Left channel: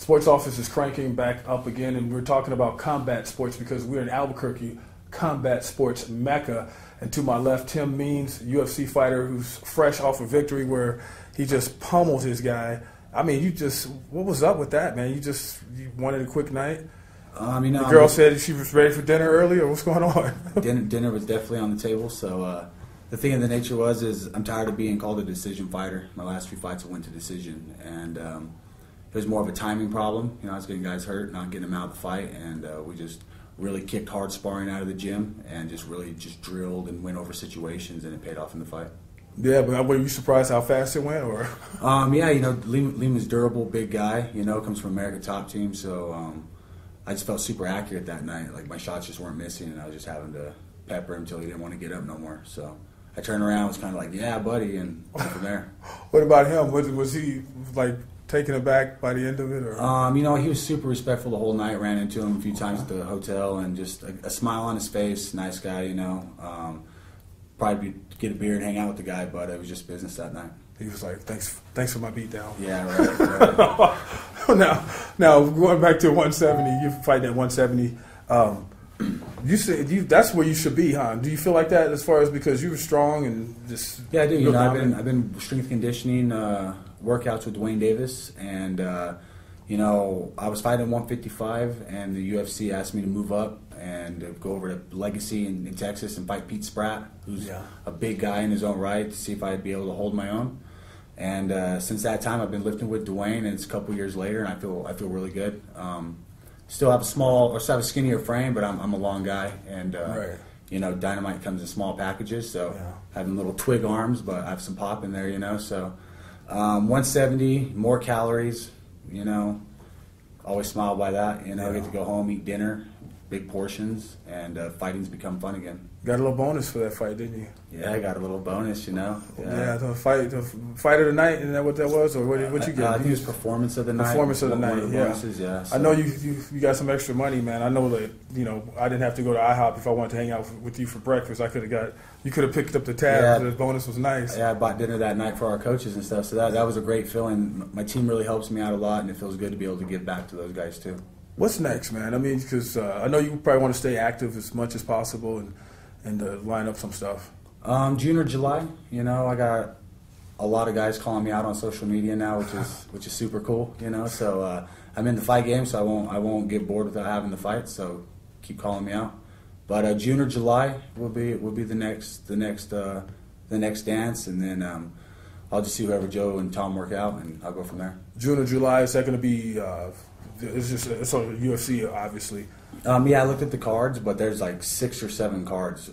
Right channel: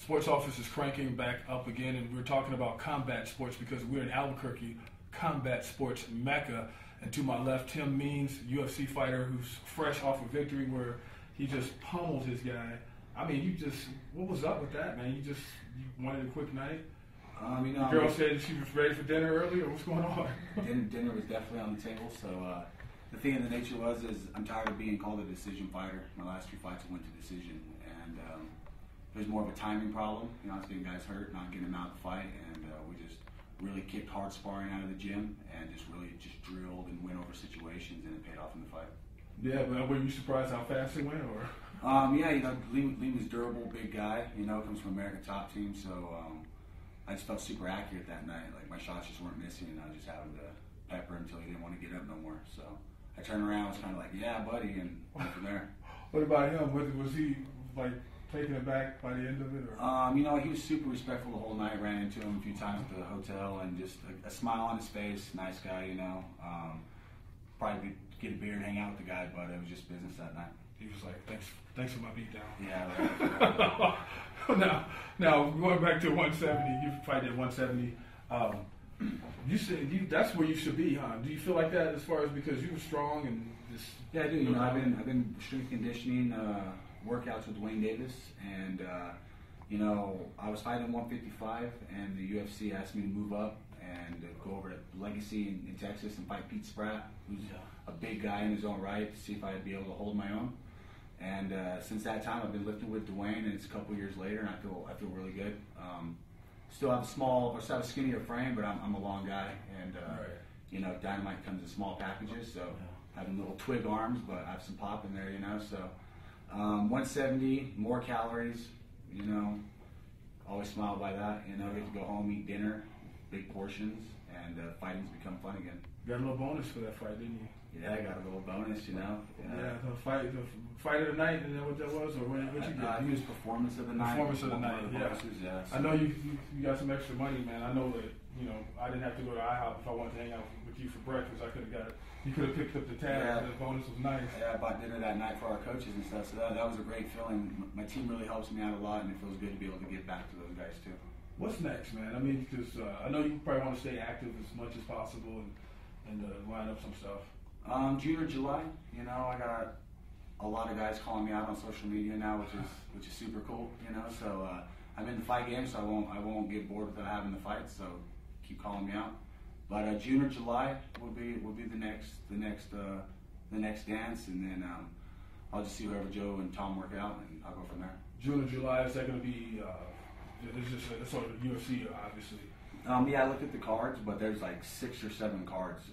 Sports Office is cranking back up again, and we're talking about combat sports because we're in Albuquerque, combat sports mecca. And to my left, Tim Means, UFC fighter who's fresh off a victory where he just pummeled his guy. I mean, what was up with that, man? You wanted a quick night? The girl said she was ready for dinner early, or what's going on? Dinner was definitely on the table, so the thing of the nature is I'm tired of being called a decision fighter. My last 3 fights I went to decision, and it was more of a timing problem. I was getting guys hurt, not getting them out of the fight, and we just really kicked hard sparring out of the gym and just really drilled and went over situations, and it paid off in the fight. Yeah, but were you surprised how fast it went, or? Yeah, Lima's durable, big guy. Comes from America Top Team, so I just felt super accurate that night. Like my shots just weren't missing, and I was just having to pepper him until he didn't want to get up no more. So I turned around, was kind of like, "Yeah, buddy," and went from there. What about him? Was he like taken aback by the end of it, or? He was super respectful the whole night. Ran into him a few times at the hotel, and just a smile on his face. Nice guy, Probably get a beer and hang out with the guy, but it was just business that night. He was like, "Thanks for my beatdown." Yeah, right. Now going back to 170, you're fighting at 170. You said that's where you should be, huh? Do you feel like that as far as because you were strong and just? Yeah, I do. I've been strength conditioning workouts with Dwayne Davis, and I was fighting 155, and the UFC asked me to move up and go over to Legacy in Texas and fight Pete Spratt, who's a big guy in his own right, to see if I'd be able to hold my own. And since that time, I've been lifting with Dwayne, and it's a couple years later, and I feel really good. Still have a skinnier frame, but I'm a long guy, and Dynamite comes in small packages, so having little twig arms, but I have some pop in there, So 170, more calories, always smile by that. I get to go home, eat dinner, big portions, and fighting's become fun again. Got a little bonus for that fight, didn't you? Yeah, I got a little bonus, Yeah, the fight of the night, isn't that what that was, or what you get? I think it was performance of the night. Performance of the night, yeah. Bonuses, yeah. So. I know you got some extra money, man. I know that I didn't have to go to IHOP if I wanted to hang out with you for breakfast. You could have picked up the tab. Yeah. The bonus was nice. Yeah, I bought dinner that night for our coaches and stuff. So that was a great feeling. My team really helps me out a lot, and it feels good to be able to give back to those guys too. What's next, man? I mean, because I know you probably want to stay active as much as possible and line up some stuff. June or July, I got a lot of guys calling me out on social media now, which is super cool, So I'm in the fight game, so I won't get bored without having the fight. So keep calling me out. But June or July will be the next dance, and then I'll just see whoever Joe and Tom work out, and I'll go from there. June or July, is that going to be? It's on UFC, obviously. Yeah, I looked at the cards, but there's like 6 or 7 cards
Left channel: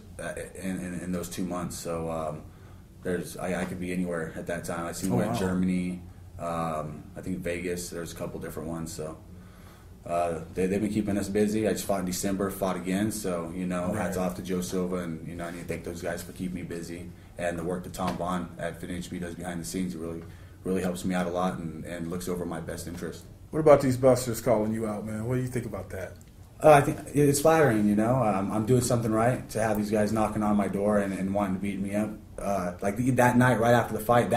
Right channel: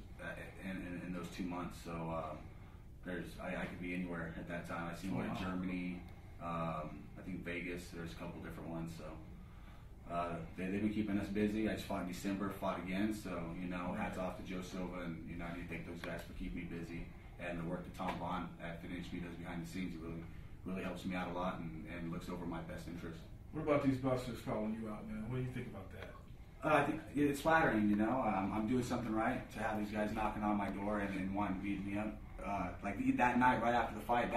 in those 2 months. So I could be anywhere at that time. I seen one in Germany, I think Vegas. There's a couple different ones. So they've been keeping us busy. I just fought in December, fought again. So hats off to Joe Silva, and I need to thank those guys for keeping me busy, and the work that Tom Vaughn at FinHB does behind the scenes. It really helps me out a lot and looks over my best interest. What about these busters calling you out, man? What do you think about that? I think it's flattering, I'm doing something right to have these guys knocking on my door and wanting to beat me up. Like that night, right after the fight,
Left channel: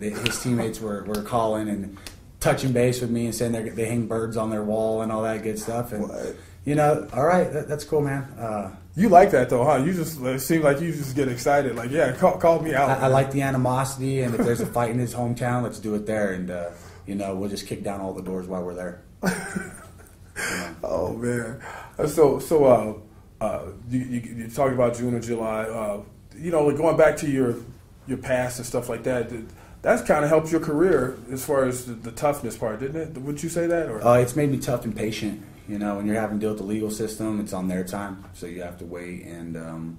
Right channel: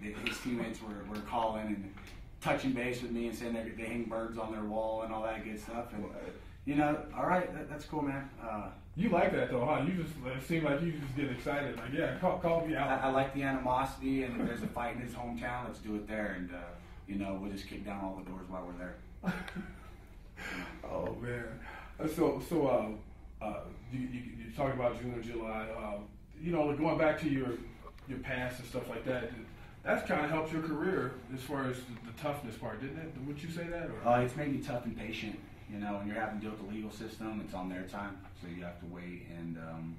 his teammates were calling and touching base with me and saying they hang birds on their wall and all that good stuff. And all right, that's cool, man. You like that though, huh? It seemed like you just get excited. Like, yeah, call me out. I like the animosity, and if there's a fight in his hometown, let's do it there, and we'll just kick down all the doors while we're there. Oh man, so you talking about June or July? Like going back to your past and stuff like that. That's kind of helped your career as far as the toughness part, didn't it? Would you say that? Or? It's made me tough and patient. When you're having to deal with the legal system, it's on their time, so you have to wait and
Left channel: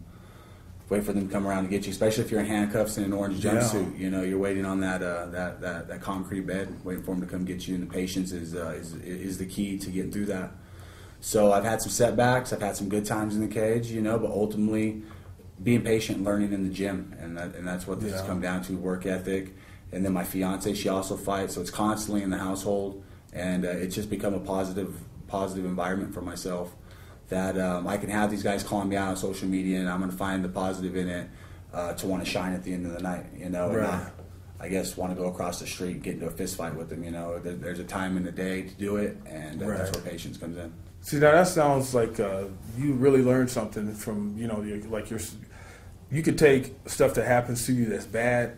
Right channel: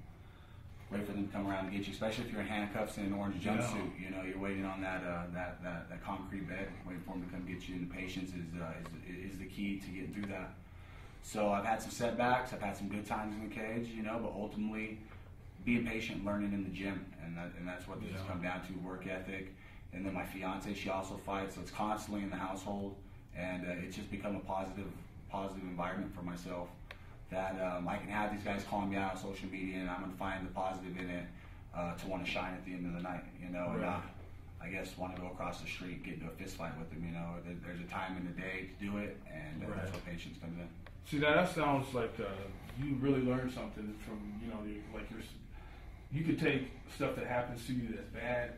wait for them to come around to get you. Especially if you're in handcuffs and an orange jumpsuit, you're waiting on that concrete bed, waiting for them to come get you. And the patience is the key to getting through that. So I've had some setbacks, I've had some good times in the cage, but ultimately being patient and learning in the gym, and that's what this has come down to: work ethic. And then my fiance, she also fights, so it's constantly in the household, and it's just become a positive environment for myself. That I can have these guys calling me out on social media, and I'm going to find the positive in it to want to shine at the end of the night, Right. I guess, want to go across the street and get into a fist fight with them. You know, there's a time in the day to do it, and that's where patience comes in. See, now that sounds like you really learned something from, you could take stuff that happens to you that's bad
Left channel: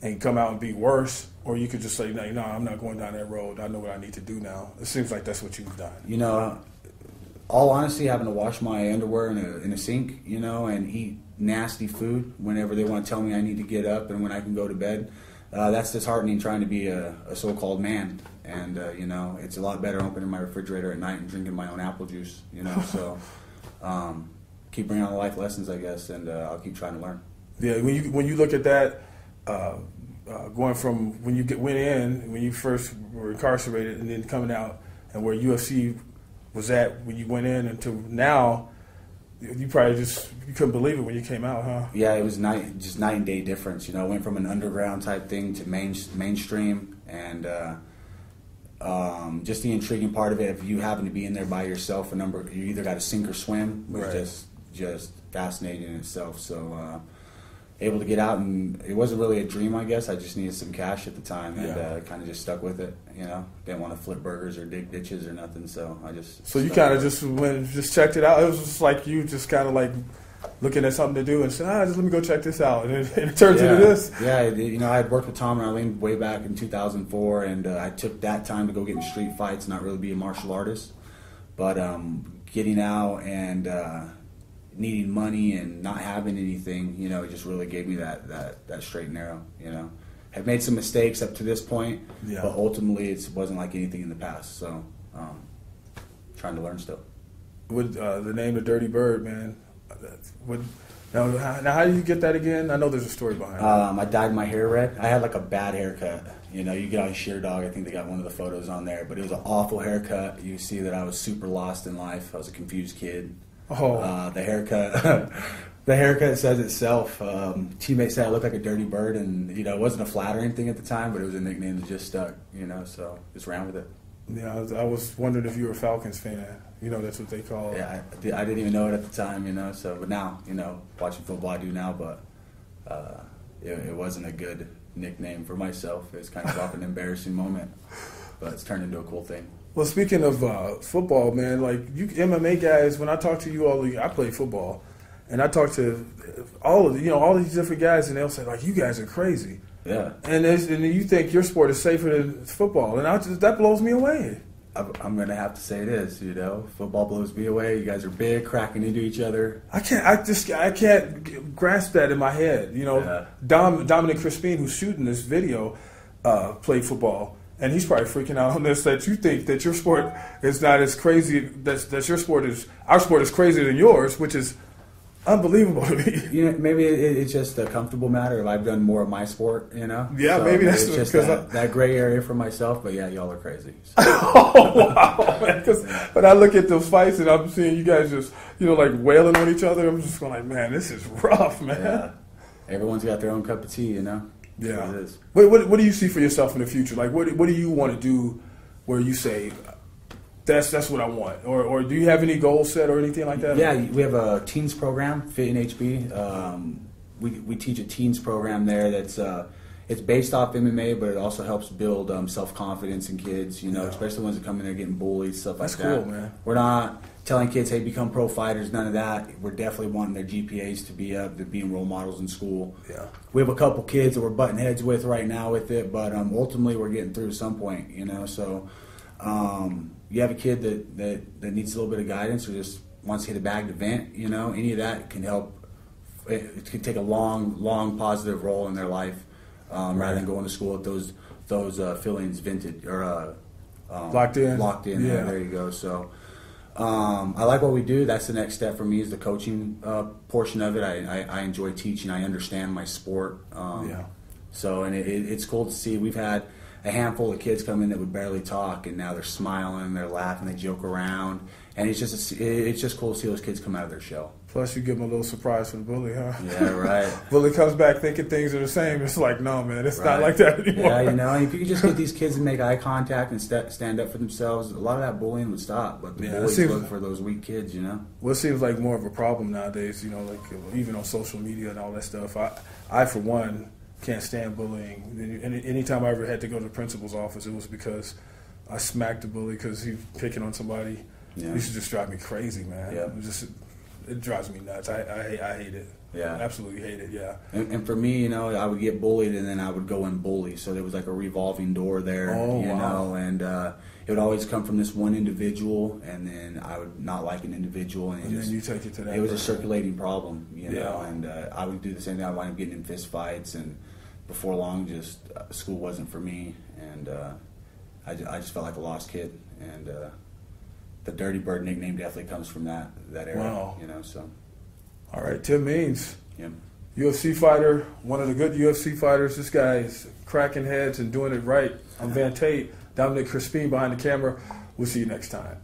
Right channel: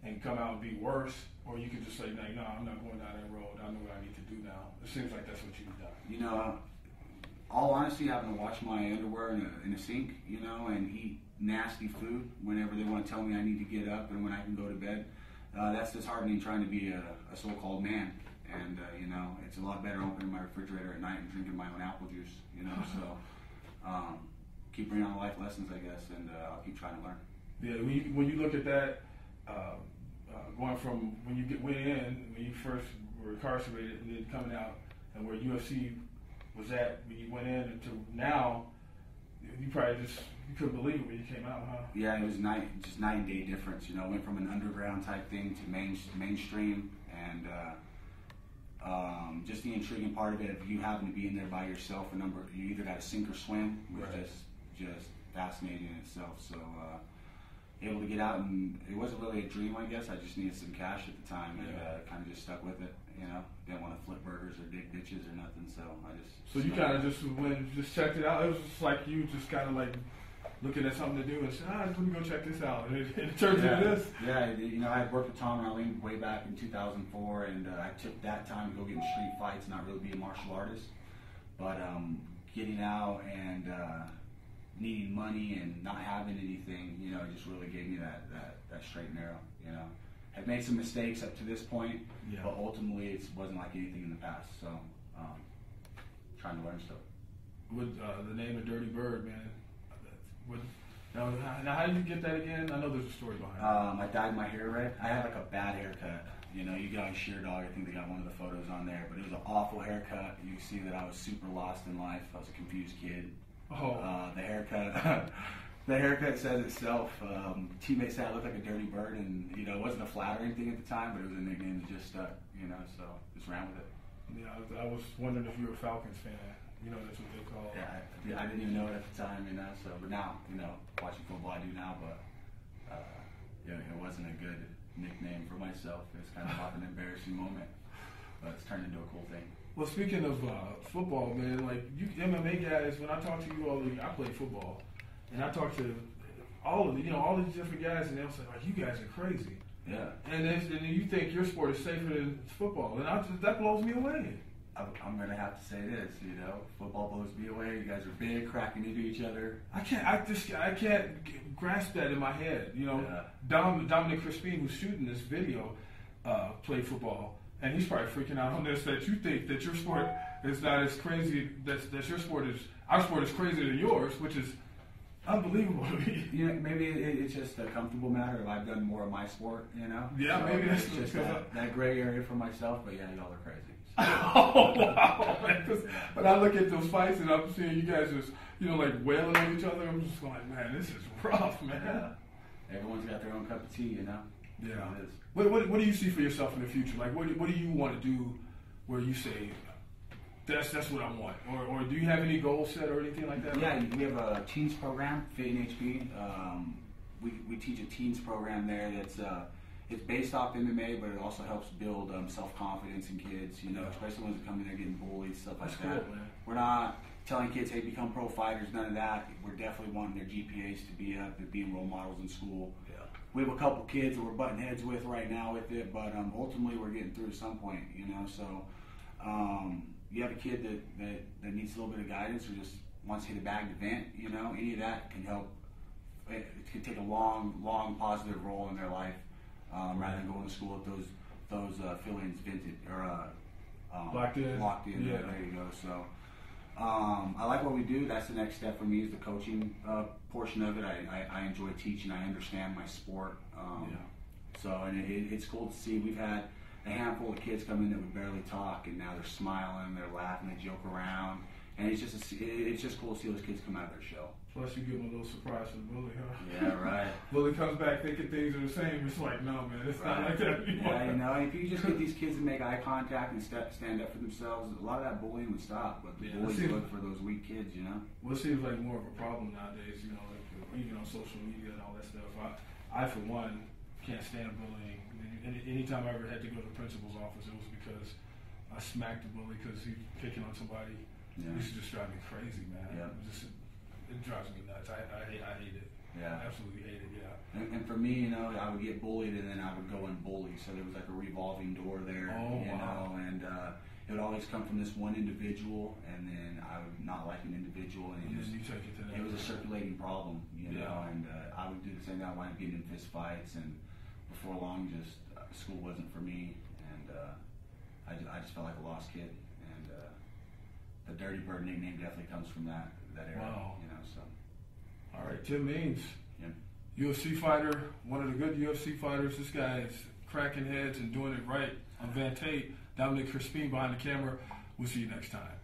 and come out and be worse, or you could just say, no, I'm not going down that road. I know what I need to do now. It seems like that's what you've done. You know, all honesty, having to wash my underwear in a sink, you know, and eat nasty food whenever they want to tell me I need to get up and when I can go to bed, that's disheartening trying to be a so-called man. And, you know, it's a lot better opening my refrigerator at night and drinking my own apple juice, you know. So keep bringing on the life lessons, I guess, and I'll keep trying to learn. Yeah, when you look at that, going from when you first were incarcerated and then coming out, and where UFC was at when you went in until now, you probably you couldn't believe it when you came out, huh? Yeah, it was just night and day difference. You know, it went from an underground type thing to mainstream, and just the intriguing part of it, if you happen to be in there by yourself, you either got to sink or swim, was just fascinating in itself. So able to get out, and it wasn't really a dream, I guess. I just needed some cash at the time, and kind of just stuck with it. You know, didn't want to flip burgers or dig ditches or nothing, so I just. So you kind of just checked it out. It was just like you just kind of like looking at something to do and said, just let me go check this out, and it turns into this. Yeah, you know, I had worked with Tom and Arlene way back in 2004, and I took that time to go get in street fights, not really be a martial artist, but getting out and needing money and not having anything, you know, it just really gave me that straight and narrow, you know. Have made some mistakes up to this point, but ultimately it wasn't like anything in the past, so trying to learn still. With the name of Dirty Bird, man, now how do you get that again? I know there's a story behind it. I dyed my hair red. I had like a bad haircut. You know, you get on Sheer Dog, I think they got one of the photos on there, but it was an awful haircut. You see that I was super lost in life. I was a confused kid. The haircut, the haircut says itself. Teammates said I looked like a dirty bird, and you know it wasn't a flattering thing at the time, but it was a nickname that just stuck. You know, so just ran with it. Yeah, I was wondering if you were a Falcons fan. You know, that's what they call. Yeah, I didn't even know it at the time. You know, so but now, you know, watching football I do now, but it wasn't a good nickname for myself. It's kind of an embarrassing moment, but it's turned into a cool thing. Well, speaking of football, man, like you MMA guys, when I talk to you all, I play football, and I talk to all these different guys, and they'll say like, you guys are crazy. Yeah. And you think your sport is safer than football, and that blows me away. I'm gonna have to say it is. You know, football blows me away. You guys are big, cracking into each other. I can't grasp that in my head. You know, Dominic Crispin, who's shooting this video, played football. And he's probably freaking out on this, that you think that your sport is not as crazy, that our sport is crazier than yours, which is unbelievable to me. You know, maybe it's just a comfortable matter if I've done more of my sport, you know? Yeah, so maybe that's just that gray area for myself, but yeah, y'all are crazy. So. Oh, wow, man. Because when I look at the fights and I'm seeing you guys just, like wailing on each other, I'm just going like, man, this is rough, man. Yeah. Everyone's got their own cup of tea, you know? Yeah. What do you see for yourself in the future? Like, what do you want to do where you say, that's what I want? Or do you have any goals set or anything like that? Yeah, we have a teens program, Fit in HB. We teach a teens program there that's it's based off MMA, but it also helps build self-confidence in kids, you know, especially ones that come in there getting bullied, stuff like that. That's cool, man. We're not telling kids, hey, become pro fighters, none of that. We're definitely wanting their GPAs to be up, to being role models in school. Yeah. We have a couple kids that we're butting heads with right now with it, but ultimately we're getting through to some point, you know. So you have a kid that needs a little bit of guidance or just wants to hit a bagged event, you know, any of that can help. It can take a long positive role in their life rather than going to school with those feelings vented or locked in. Yeah, there you go. So I like what we do. That's the next step for me is the coaching portion of it. I enjoy teaching. I understand my sport. So and it's cool to see. We've had a handful of kids come in that would barely talk, and now they're smiling, they're laughing, they joke around, and it's just cool to see those kids come out of their shell. Plus, you give them a little surprise from the bully, huh? Yeah, right. Bully comes back thinking things are the same. It's like, no, man, it's not like that anymore. Yeah, you know, if you could just get these kids to make eye contact and stand up for themselves, a lot of that bullying would stop. But the bullies look for those weak kids, you know? What seems like more of a problem nowadays, you know, like even on social media and all that stuff. I for one, can't stand bullying. And anytime I ever had to go to the principal's office, it was because I smacked the bully because he was picking on somebody. Yeah. It used to just drive me crazy, man. Yeah. It drives me nuts. I hate it. Yeah. I absolutely hate it, yeah. And for me, you know, I would get bullied and then I would go and bully. So there was like a revolving door there, you know, and it would always come from this one individual, and then I would not like an individual. And then you take it to that. It was a circulating problem, you know, Yeah. and I would do the same thing. I would wind up getting in fist fights, and before long, just school wasn't for me. And I just felt like a lost kid. And the Dirty Bird nickname definitely comes from that era, Wow. you know, so. All right, Tim Means, Yeah. UFC fighter, one of the good UFC fighters. This guy is cracking heads and doing it right. I'm Van Tate, Dominic Crispin behind the camera. We'll see you next time.